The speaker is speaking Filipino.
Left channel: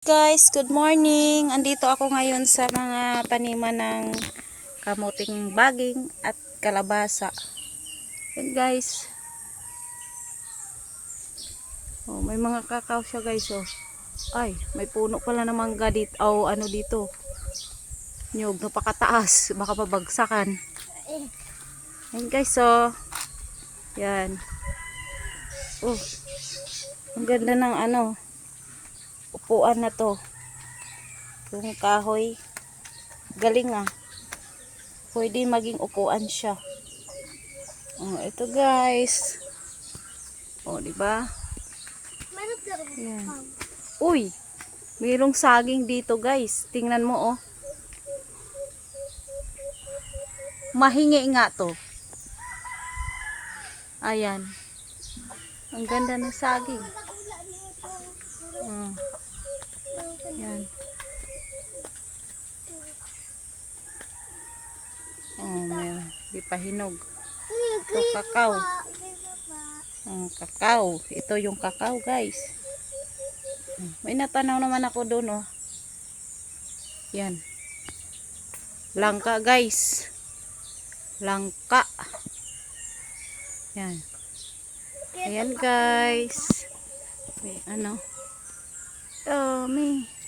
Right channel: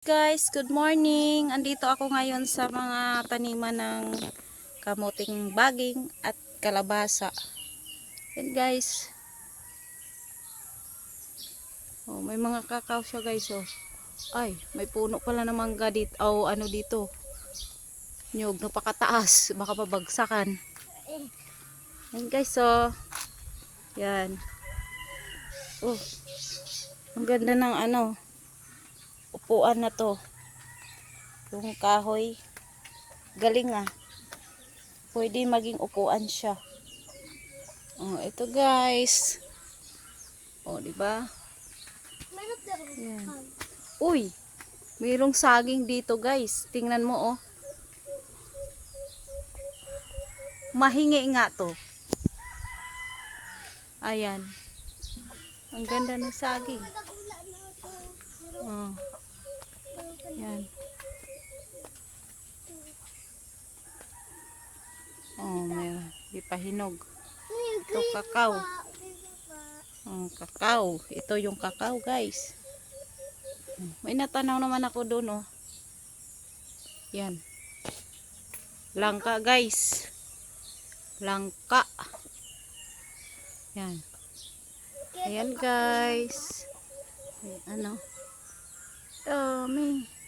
Guys, good morning. Andito ako ngayon sa mga taniman ng kamuting baging at kalabasa. Yan guys. Oh, may mga kakao siya guys oh. Ay, may puno pala ng mangga dito. Oh, ano dito? Nyog, napakataas. Baka pabagsakan. Yan guys oh. Yan. Oh. Ang ganda ng upuan na to. Yung kahoy. Galing ah. Pwede maging upuan siya. Oh, ito guys. Oh, di ba? Yan. Uy, mayroong saging dito, guys. Tingnan mo oh. Mahingi nga to. Ayan. Ang ganda ng saging. Oh. Yan. Oh, may pahinog. Ito kakao. Kakao. Ito yung kakao guys. May natanaw naman ako doon oh. Yan. Langka guys. Langka. Yan. Ayan guys. May dami.